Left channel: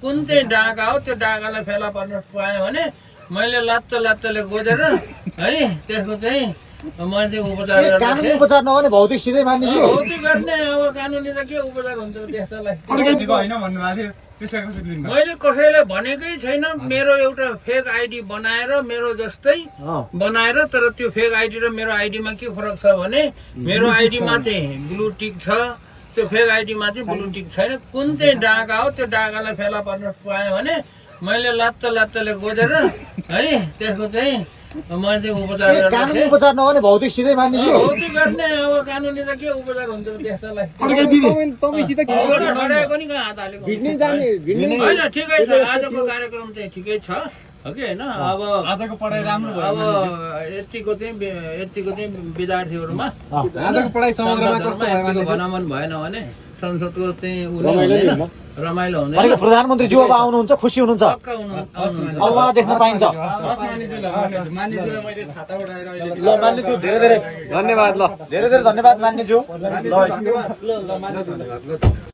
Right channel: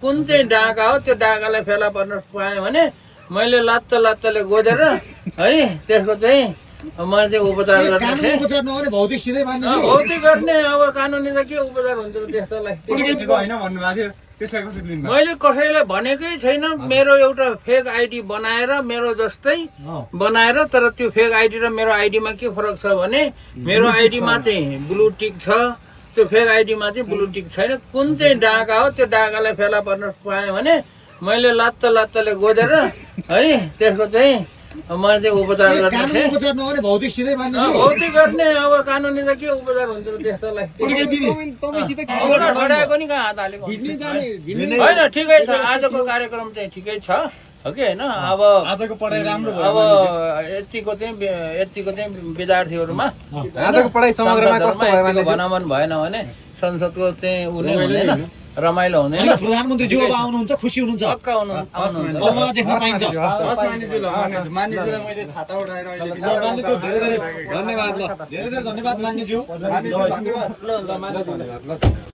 कुन चाहिँ डाका हो त्यो डाकालाई फेला पर्न पाएँ भने मैले लात्तले गोदेर है त्यसको चाहिँ म चाहिँ उपचार गर्ने थिएँ। उपचार नगर्ने भौतिक सिधै मान्ने भौतिक गर्ने अब कानुनी त के उपचार हुन्छ र त्यस्तालाई होइन भन्नुभएको थियो त्यसलाई कसरी लिनु मैले कसैलाई भनेकै छैन। मेरो एउटा फेक आइडी बनाएर मेरो जस्तै बनाएर तर त्यो फेक आइडी र मेरो आइडीमा के फरक छ भने मेरो आइडीमा चाहिँ ब्लू टिक छ, त्यो फेक आइडीमा चाहिँ ब्लू टिक छैन। कुन चाहिँ डाका हो त्यो डाकालाई फेला पर्न पाएँ भने मैले लात्तले गोदेर है त्यसको चाहिँ म चाहिँ उपचार गर्ने थिएँ। उपचार नगर्ने भौतिक सिधै मान्ने भौतिक गर्ने अब कानुनी त के उपचार हुन्छ र त्यस्तालाई खडाएको नि कहाँ हात हालेको होइन। ठिकै छ, आजको कार्यक्रम चाहिँ ठिकै छ हो कि होइन। अब आजको पढाइ राम्रो भयो। अब यतिको चाहिँ विद्यार्थीहरूमा आजको पढाइ समग्रमा कस्तो भयो भने भनामन भएन भने संसदको चाहिँ उनी हुँदैन, रमाइलो हुँदैन। प्रधानमन्त्रीज्यू अब आउनुहुन्छ, खुसी हुनुहुन्छ, पक्का आउनुहुन्छ। अब मलाई देख्न पाइन्छ। मान्यज्यूलाई मैले थाहा उठाएर मान्यज्यू धेरै धन्यवाद। ल धेरै धन्यवाद मान्यज्यू। धन्यवाद।